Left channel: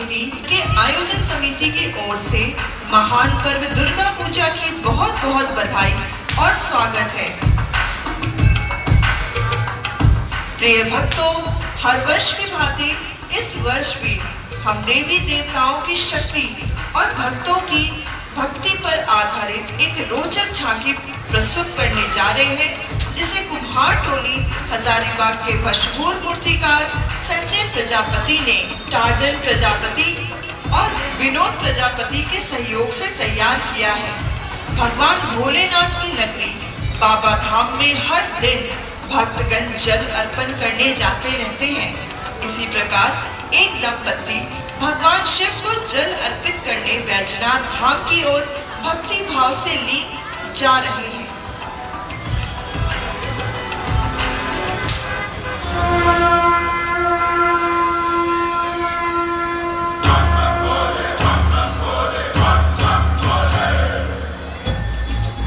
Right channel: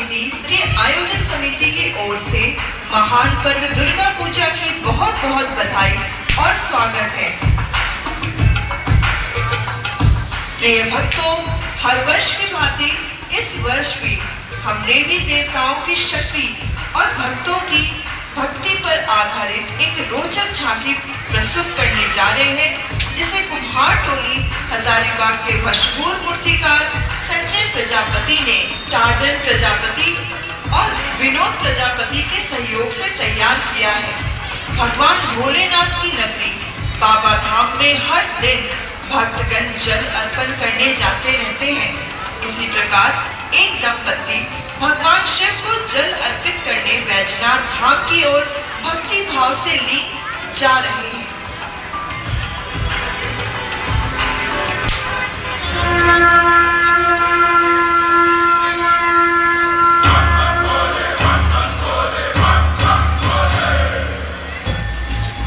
समिति के आयोजन समिति की ओर से महान पर्व दुर्गा पूजा की बहुत बहुत बधाई और स्वागत है। प्रिय भक्तों, हर वर्ष की भांति इस वर्ष भी हम देवी देवताओं की शक्ति और भक्तों की भक्ति पर आधारित एक रोचक झांकी प्रस्तुत करने जा रहे हैं, जिसे कुम्हार टोली हजारीबाग के मशहूर मूर्तिकार संजय प्रजापति ने टार्जन प्रजापति और विनोद प्रजापति के सहयोग से तैयार किया है। भगवान भोलेनाथ की नगरी बाबा धाम में हर दिन भक्तगण जल अर्पण करने जाते रहते हैं। इसी प्रकार एक दंपत्ति भगवान शिव को जल अर्पित करने बैजनाथ धाम की ओर भक्ति भाव से लीन जा रहे हैं।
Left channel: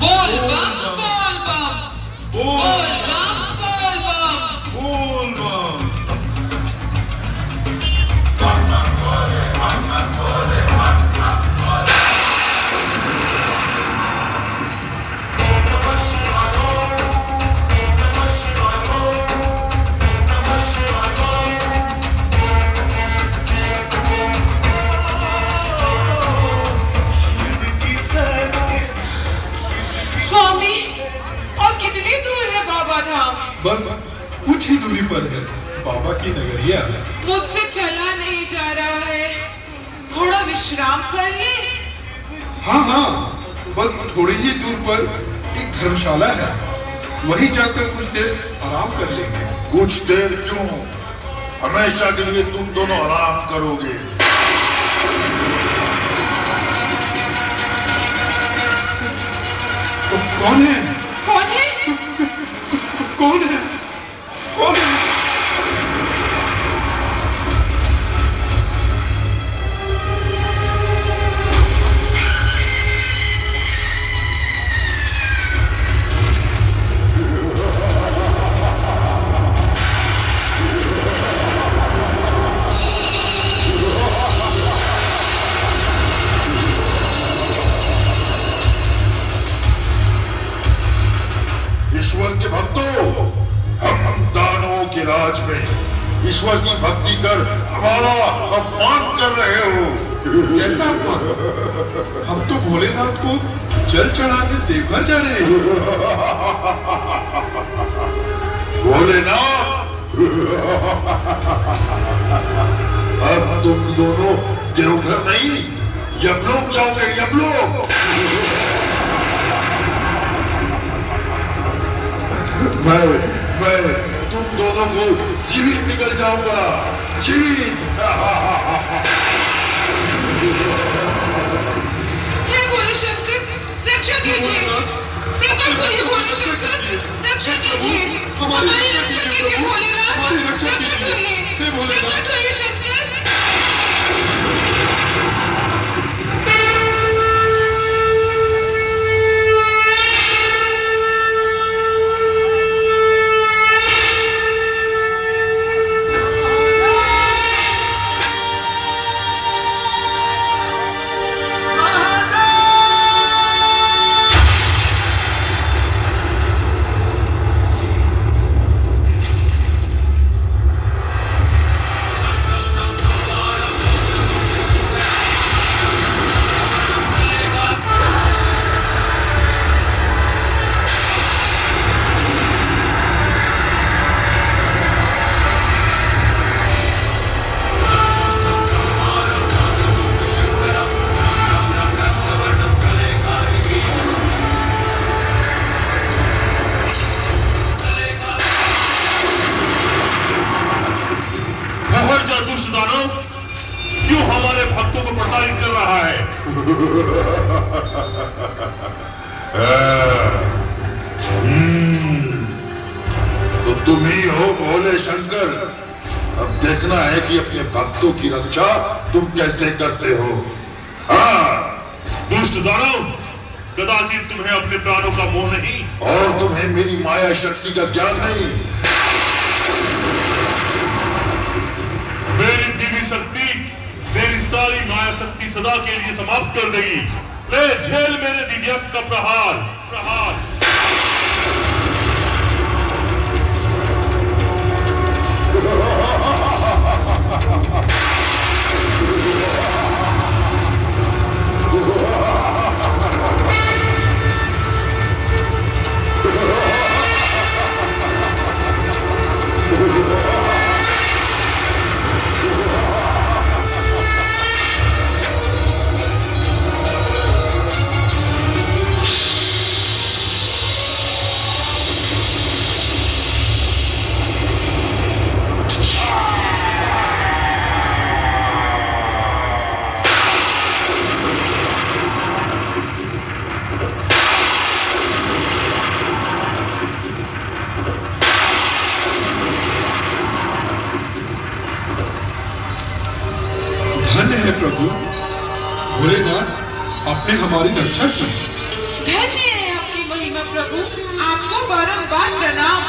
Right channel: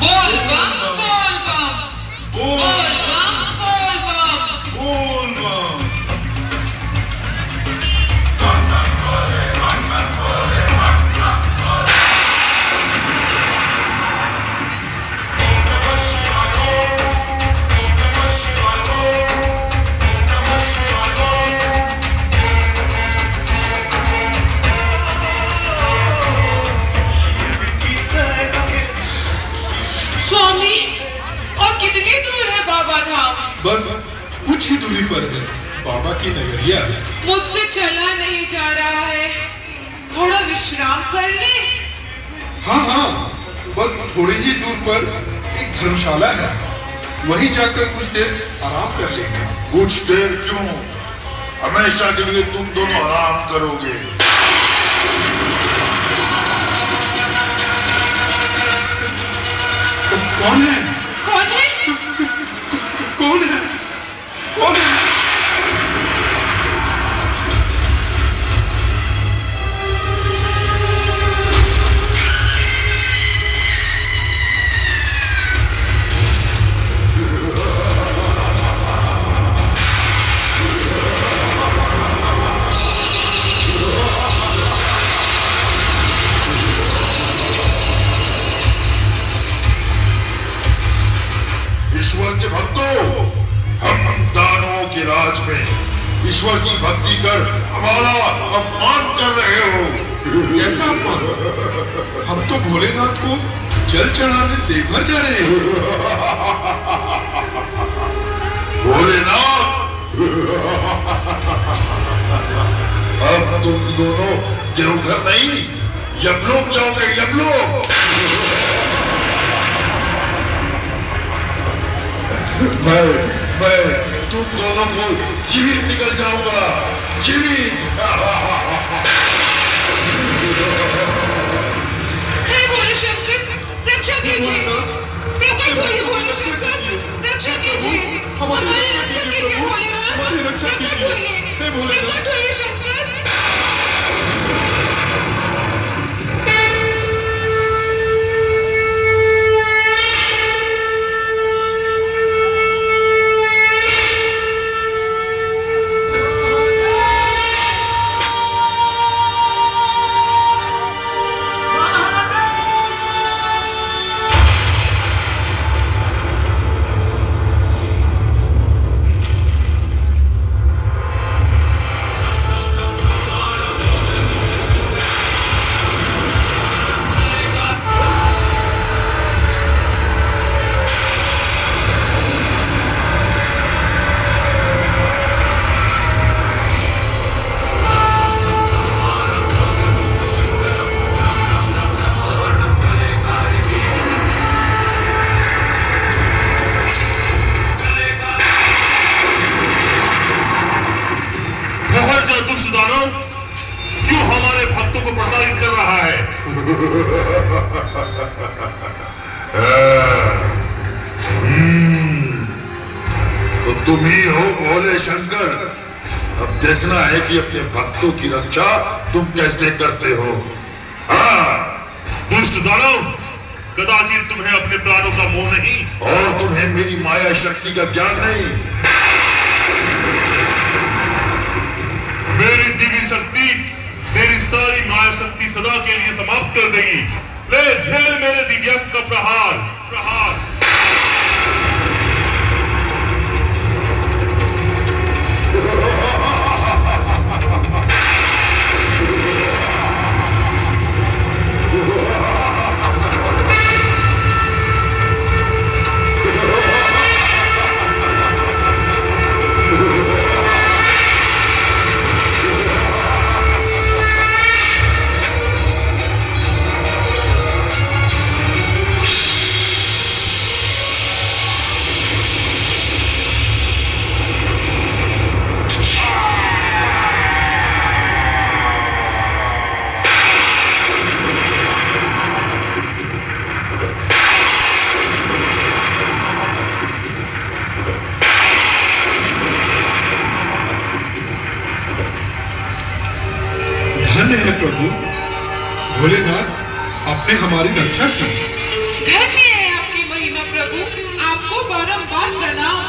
बोल बम बोल बम बोल बम बोल बम बोल बम। स्वामी, और कितनी दूर है बाबा धाम? बस कुछ ही दूरी पर है बाबा की नगरिया। मुझसे चला नहीं जा रहा है, थोड़ा विश्राम कर ले। हाँ हाँ, बस थोड़ी ही दूर पर एक धर्मशाला है, वहीं जाकर कुछ देर आराम कर लेंगे। कुछ देर क्यों, हमेशा के लिए तुम दोनों आराम करोगे। तो कौन है? कौन है? कौन है? कौन है? ईश्वर के भक्तों, हम दानवों के राज में ईश्वर की भक्ति कर हमारा अपमान कर रहे हो। कैसा अपमान? हम तो भोलेनाथ को जल चढ़ाने देवघर जा रहे हैं। भोलेनाथ, अब तुम दोनों देवघर नहीं यमलोक जाओगे, यमलोक। मैं तुम दोनों को जीवित निकल जाऊंगा, जीवित। हे भोले शंकर, रक्षा कीजिए। प्रकट होइए भोले शंकर, रक्षा कीजिए। हमारी रक्षा कीजिए भोलेनाथ, हमारी रक्षा कीजिए। हे भोलेनाथ। प्रकट होइए शंकर। क्यों हमारे भक्तों को प्रताड़ित कर रहा है? तो तुम ही हो भोले शंकर। अब देखना है कि अपने भक्तों की रक्षा तुम कैसे करते हो। दुष्ट दानव, कदाचित तुम्हें अपने प्राणों का मोह नहीं और तुम्हें मेरी माया शक्ति का ज्ञान नहीं। मेरी दिव्य शक्ति तेरी सारी माया शक्ति सदा के लिए समाप्त कर देगी। ले झेल मेरे दिव्यास्त्र का प्रहार प्रहार। धन्य है प्रभु भोलेनाथ, आपने हमारी रक्षा की। धन्य है आपकी महिमा प्रभु, आपको बारंबार प्रणाम।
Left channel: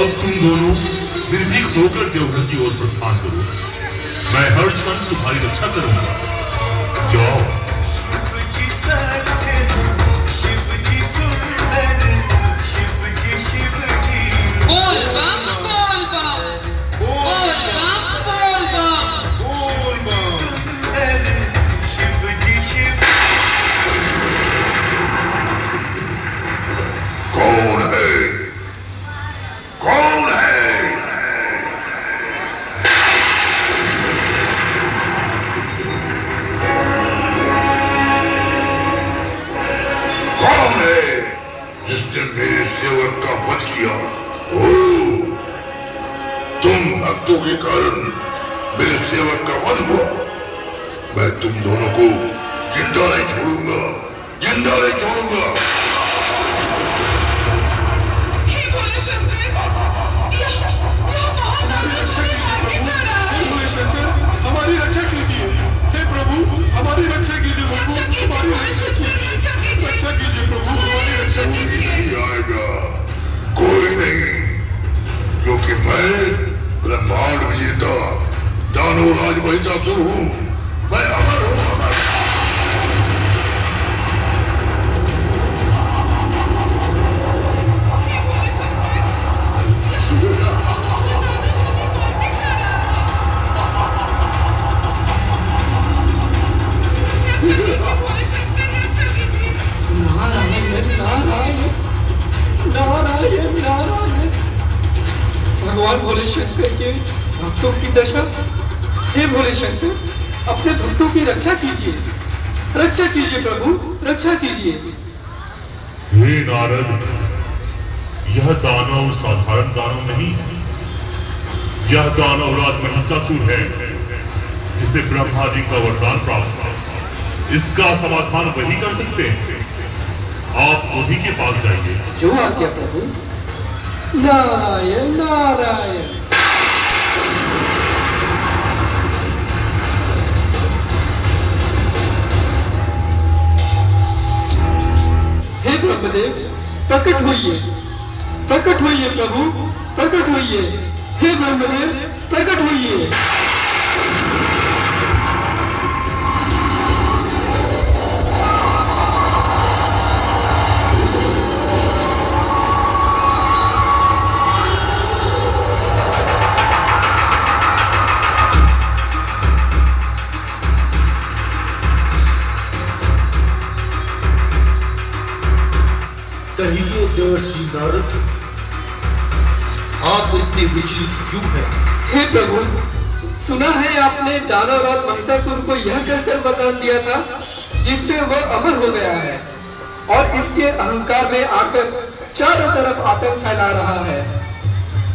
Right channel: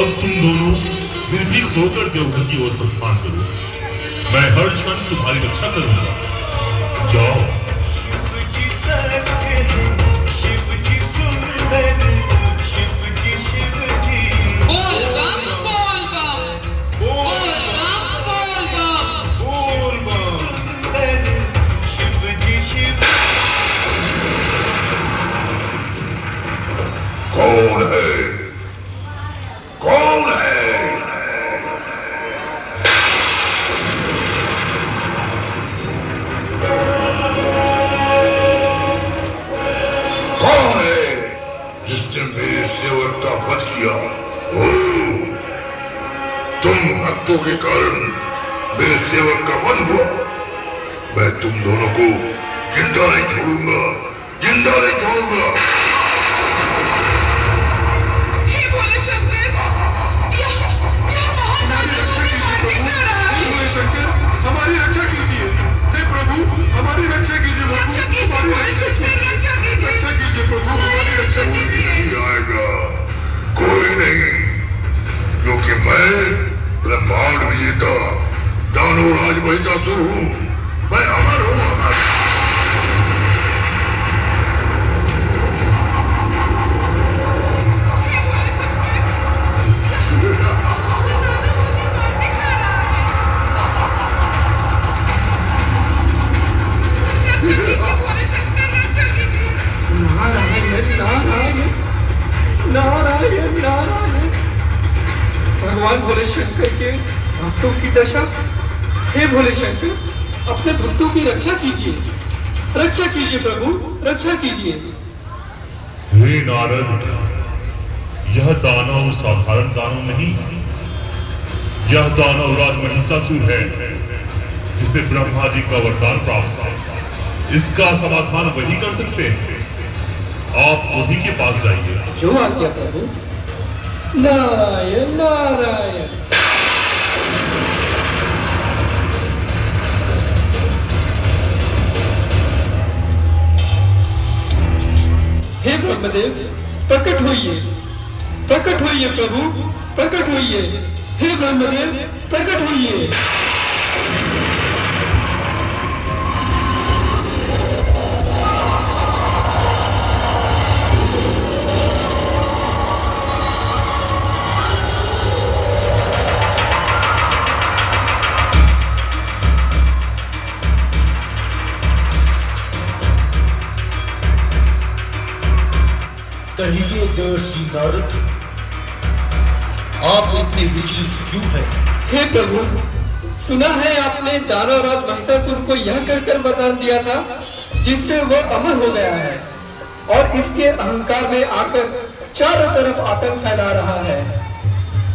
अब तुम दोनों निर्भीक होकर देवघर की ओर प्रस्थान करो। मैं हर क्षण तुम्हारी रक्षा करूंगा। जाओ। बोल बम बोल बम बोल बम बोल बम। कौन है? कौन है? कौन है जिसने मेरे सेवक का वध किया? ओह, तुम भक्तों के कारण मेरे सेवक का वध हुआ। मैं तुम दोनों को जिंदा नहीं छोड़ूंगा, जिंदा नहीं छोड़ूंगा। हे भोले शंकर, यह महादानव हमें मारने जा रहा है। भोले शंकर, हमारी रक्षा कीजिए। हे प्रभु, हमारी रक्षा कीजिए। रक्षा कीजिए भोले शंकर, रक्षा कीजिए। रक्षा कीजिए प्रभु, हमारी रक्षा कीजिए। नहीं आएगा कोई नहीं, क्योंकि मैं ब्रह्मांड विजेता दानव राज महिषासुर हूँ। मैं अमर हूँ, अमर। हे भोले शंकर, यह महादानव हमें मारने जा रहा है। रक्षा कीजिए भोले शंकर, रक्षा कीजिए। नारायण नारायण नारायण नारायण। भगवान भोले शंकर के भक्तों की दशा। हे भोले शंकर, अपने भक्तों की रक्षा कीजिए, रक्षा कीजिए प्रभु, रक्षा कीजिए। हे नारद, यह दानव साधारण दानव नहीं, यह दानव राज महिषासुर है, जिसे ब्रह्मा जी का वरदान प्राप्त था। इसका समाधान वही कर सकते हैं। आप उन्हीं के पास जाइए। जो आज्ञा प्रभु। नारायण नारायण। हे ब्रह्मदेव, प्रकट होइए, प्रकट होइए प्रभु, प्रकट होइए। हे ब्रह्मदेव, प्रकट होइए। कहिए देवर्षि नारद, आप इतने विचलित क्यों हैं? हे प्रभु, सुना है आपने दानव राज महिषासुर को यह कहकर वरदान दिया था जिससे वह अमर हो गया है और इसके अहंकार में आकर चारों तरफ आतंक फैला रहा है।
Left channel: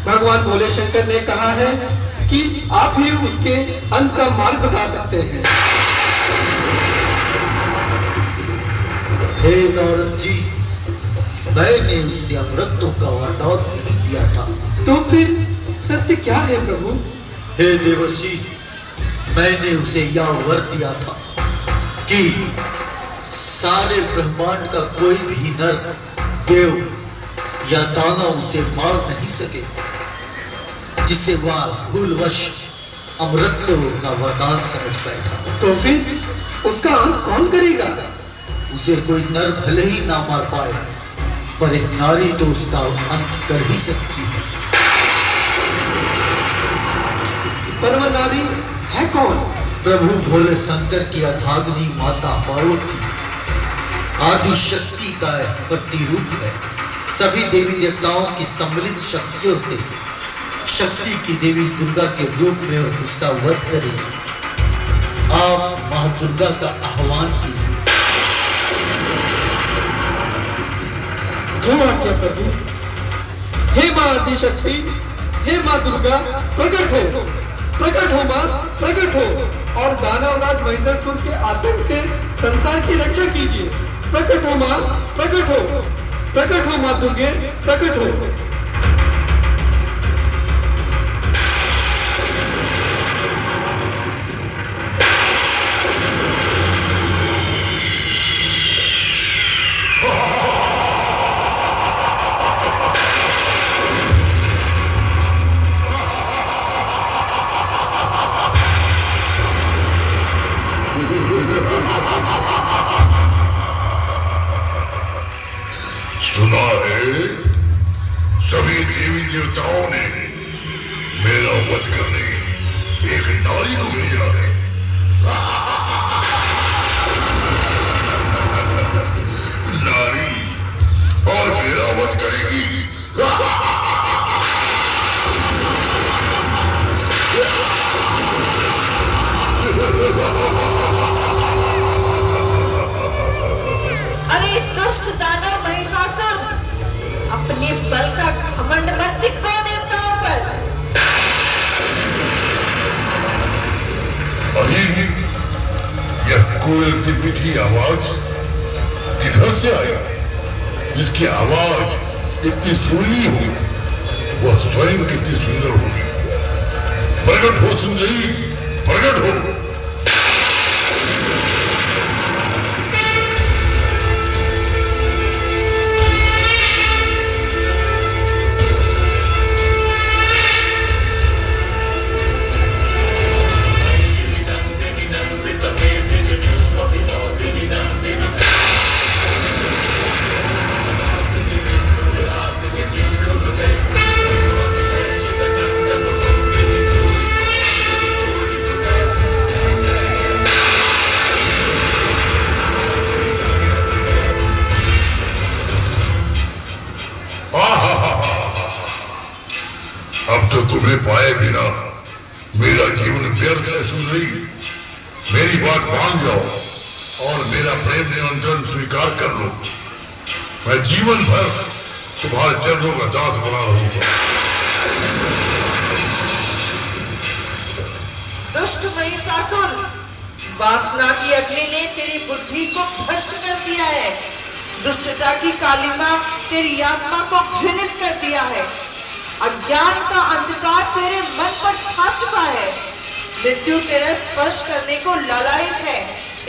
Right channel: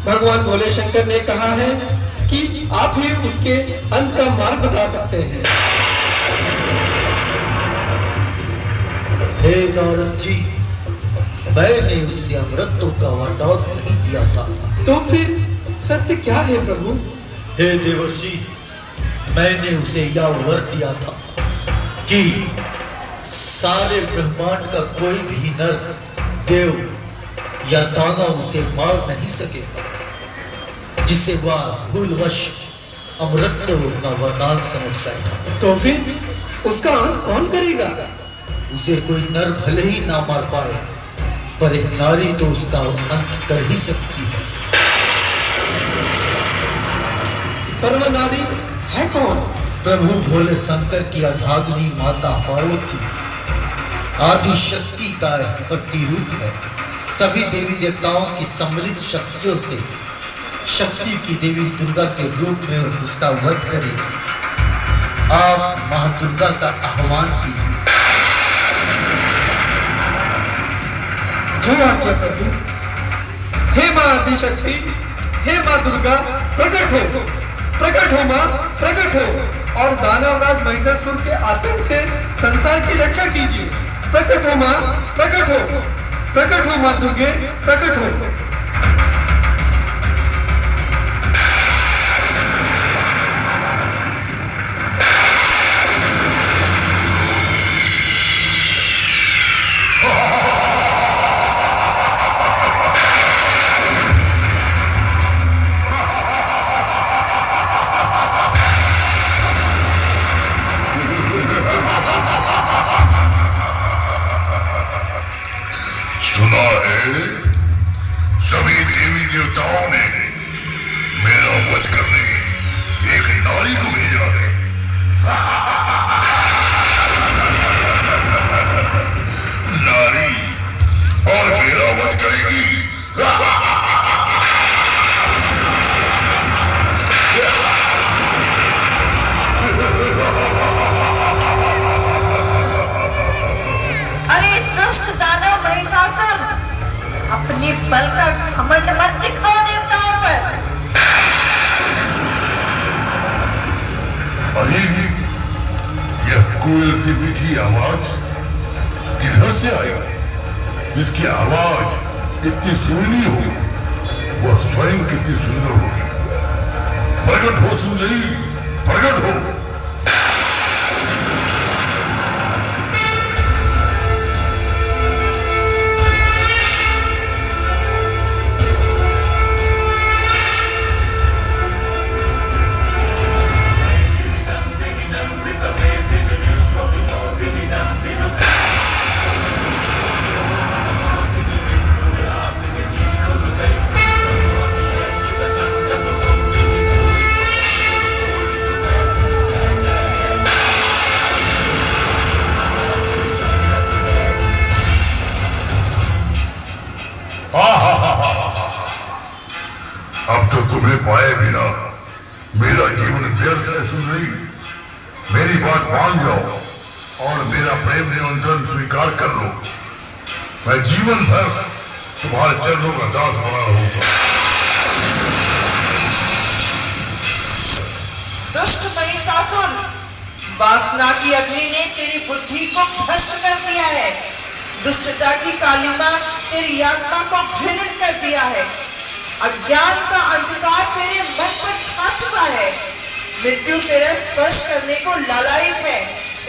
भगवान भोले शंकर ने कहा है कि आप ही उसके अंत का मार्ग बता सकते हैं। हे नारद जी, मैंने उससे अमृतों का वरदान नहीं दिया था। तो फिर सत्य क्या है प्रभु? हे देवर्षि, मैंने उसे यह वर दिया था कि सारे ब्रह्मांड का कोई भी नर, देव या दानव उसे मार नहीं सकेगा, जिसे वह भूलवश अमृतत्व का वरदान समझ बैठा। तो फिर उसका अंत कौन करेगा? उसे कोई नर भले ही ना मार पाए, पर एक नारी तो उसका अंत कर ही सकती है। पर वह नारी है कौन? प्रभु भोले शंकर की अर्धांगिनी माता पार्वती आदि शक्ति का प्रतिरूप है। सभी देवी देवताओं की सम्मिलित शक्तियों से शक्ति की देवी दुर्गा के रूप में उसका वध करेगा। आप मां दुर्गा का आह्वान कीजिए। जो आज्ञा प्रभु। हे मां आदिशक्ति, हे मां दुर्गा, प्रकट हो मां, प्रकट हो और दानवराज महिषासुर के आतंक से संसार की रक्षा कीजिए। प्रकट हो मां, प्रकट हो मां दुर्गे, प्रकट हो। सुना है सभी देवी देवताओं ने मेरा वध करने एक नारी को भेजा है। नारी और मेरा वध करेगी। अरे दुष्ट दानव महिषासुर, अपने बल का घमंड मत दिखाओ देवताओं पर। अली, यह कोयल से मीठी आवाज किधर से आया? जिसकी आवाज इतनी सुरीली हो, वह स्वयं कितनी सुंदर होगी। प्रकट हो सुंदरी, प्रकट हो। अब तो तुम्हें पाए बिना मेरा जीवन व्यर्थ है सुंदरी। मेरी बात मान जाओ और मेरा प्रेम निमंत्रण स्वीकार कर लो। मैं जीवन भर तुम्हारे चरणों का दास बना रहूंगा। दुष्ट महिषासुर, वासना की अग्नि ने तेरी बुद्धि को भ्रष्ट कर दिया है। दुष्टता की कालिमा तेरी आत्मा को घृणित कर दिया है। अज्ञान का अंधकार तेरे मन पर छा चुका है। मृत्यु तेरा स्पर्श करने को लालायित है।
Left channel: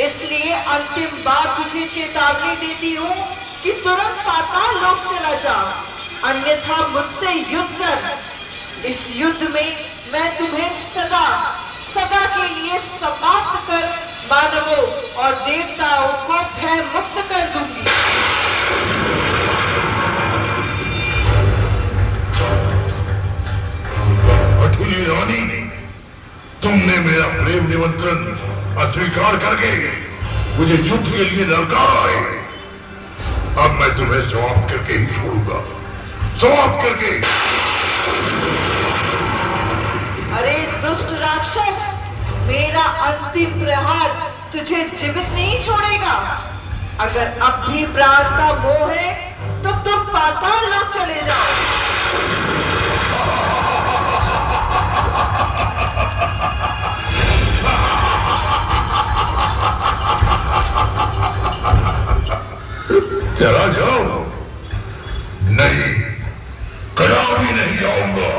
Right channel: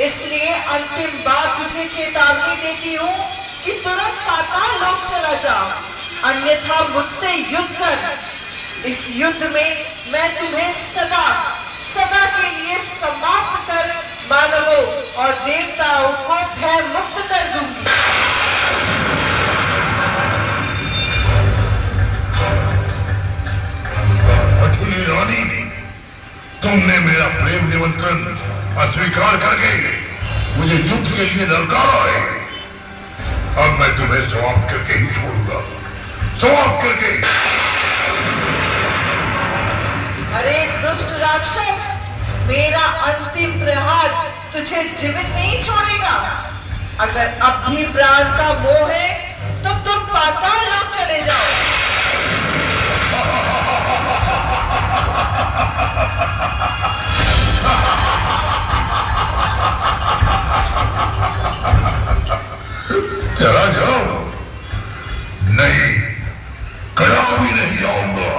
इसलिए अंतिम बार तुझे चेतावनी देती हूँ कि तुरंत पाताल लोक चला जा, अन्यथा मुझसे युद्ध कर। इस युद्ध में मैं तुम्हें सदा सदा के लिए समाप्त कर मानवों और देवताओं को भय मुक्त कर दूंगी। अठुली रानी, तुमने मेरा प्रेम निमंत्रण अस्वीकार करके मुझे युद्ध के लिए ललकारा है। अब मैं तुम्हें समाप्त करके ही छोड़ूंगा, समाप्त करके। अरे दुष्ट राक्षस, मेरा अंतिम प्रहार तुझे जीवित नहीं छोड़ेगा। अगर अब भी प्राण का मोह है तो तुम पाताल लोक चले जाओ। चला जाओ। नहीं, कदापि नहीं जाऊंगा।